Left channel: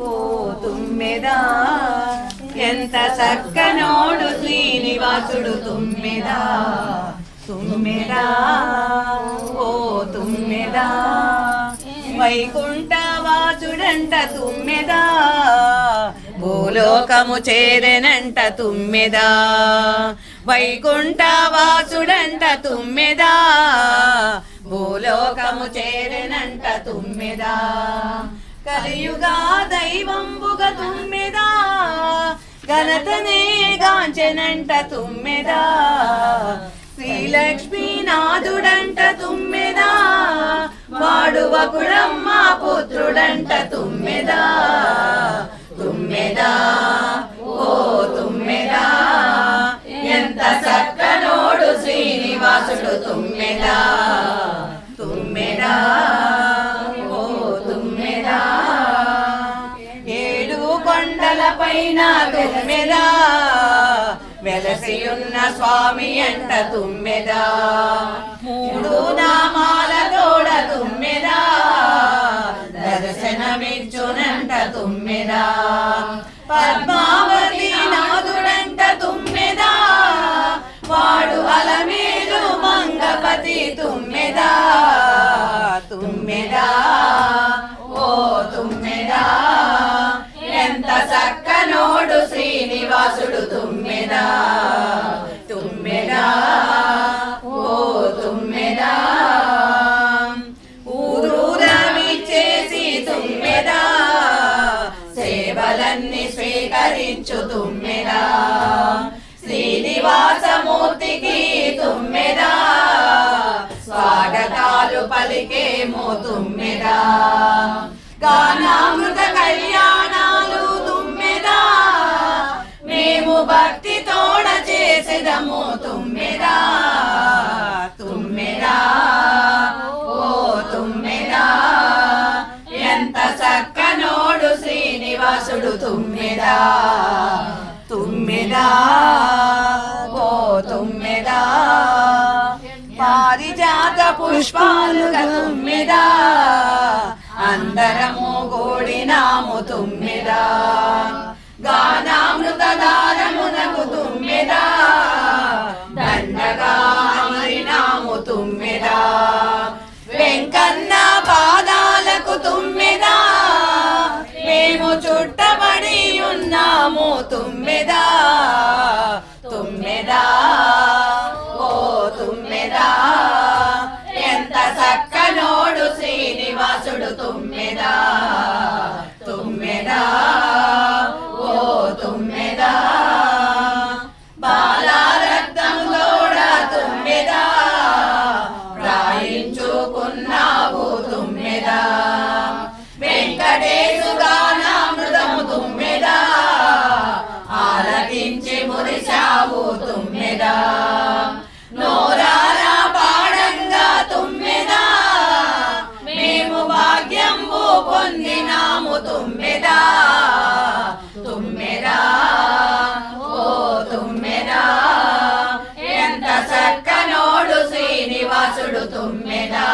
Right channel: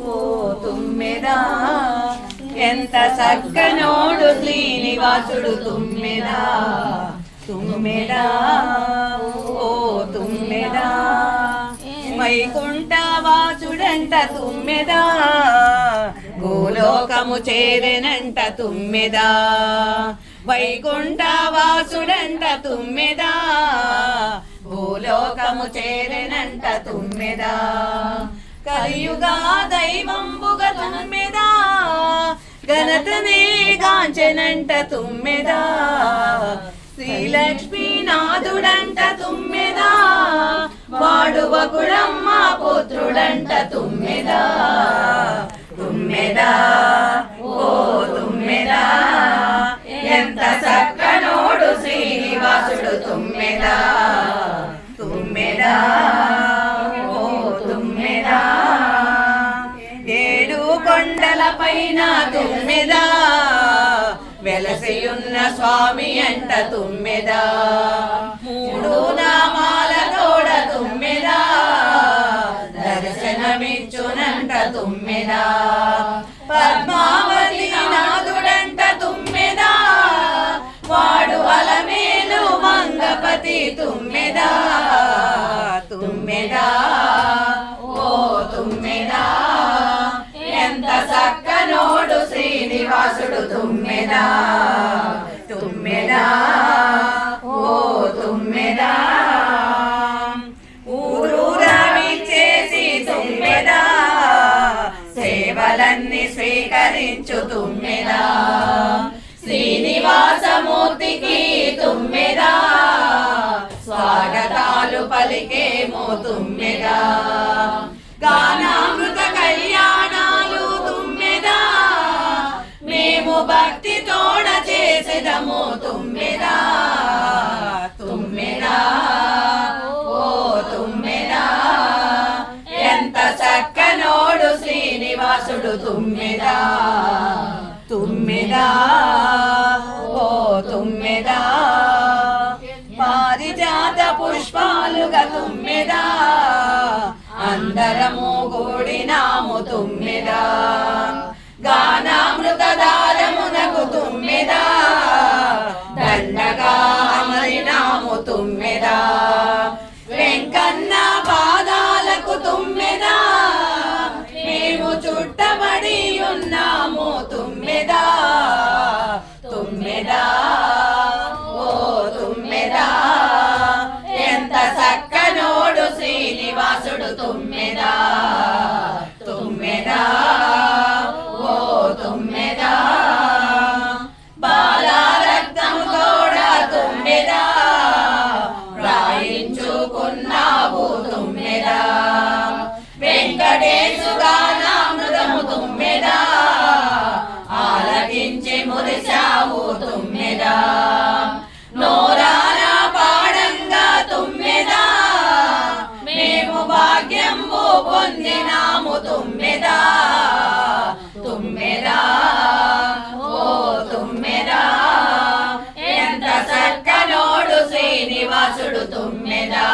ఓ తుమ్మెదా ఎంత చక్కనోడు శ్రీనివాసుడు తుమ్మెదా తుమ్మెదా ఓ తుమ్మెదా వైకుంఠవాసుడంట తుమ్మెదా భూలోకము చేరెనంట తుమ్మెదా వైకుంఠవాసుడంట తుమ్మెదా భూలోకము చేరెనంట తుమ్మెదా కలియుగా దైవంబుగా తుమ్మెదా ఘనతనే గాంచెనంట తుమ్మెదా శ్రీలక్ష్మీనాథుడంట తుమ్మెదా వాడు వకుడమ్మ పుత్రుడంట తుమ్మెదా తుమ్మెదా ఓ తుమ్మెదా ఎంత చక్కనోడు శ్రీనివాసుడు తుమ్మెదా తుమ్మెదా ఓ తుమ్మెదా ఏడు కొండల పైన తుమ్మెదా వెలసియున్న స్వామి అంట తుమ్మెదా మూడు నామాల తోడ తుమ్మెదా దర్శనమిచ్చునంట తుమ్మెదా పద్మావతి నాథుడంట తుమ్మెదా వాడు అలమేలు మంగపతి తుమ్మెదా తుమ్మెదా ఓ తుమ్మెదా ఎంత చక్కనోడు శ్రీనివాసుడు తుమ్మెదా తుమ్మెదా ఓ తుమ్మెదా ఊరూరమిచ్చేసి తుమ్మెదా సేవలన్నీ స్వీకరించు తుమ్మెదా శ్రీనివాసమూర్తికి తుమ్మెదా స్వాగతాలు పలికేమో తుమ్మెదా గానామృత కళ్యాణాలు తుమ్మెదా మేము భక్తితోడ చేసేదము తుమ్మెదా తుమ్మెదా ఓ తుమ్మెదా ఎంత చక్కనోడు శ్రీనివాసుడు తుమ్మెదా తుమ్మెదా ఓ తుమ్మెదా పారిజాత పుష్పాలుగా తుమ్మెదా అందరము గోడినాము తుమ్మెదా గానామృత దారమునకు తుమ్మెదా దండగా అమరినాము తుమ్మెదా వెంకన్న పాదాలకు తుమ్మెదా మేము చుట్టబడి ఉన్నాము తుమ్మెదా తుమ్మెదా ఓ తుమ్మెదా ఎంత చక్కనోడు శ్రీనివాసుడు తుమ్మెదా తుమ్మెదా ఓ తుమ్మెదా బాలరక్తము తోడ తుమ్మెదా రాయించుకున్నావు తుమ్మెదా వెంకటేశు గానామృతము తుమ్మెదా ఆలకించి మురిశావు తుమ్మెదా నోరారా పాడంగా తుమ్మెదా మేము భాగ్యంబు పొందినాము తుమ్మెదా తుమ్మెదా ఓ తుమ్మెదా ఎంత చక్కనోడు శ్రీనివాసుడు తుమ్మెదా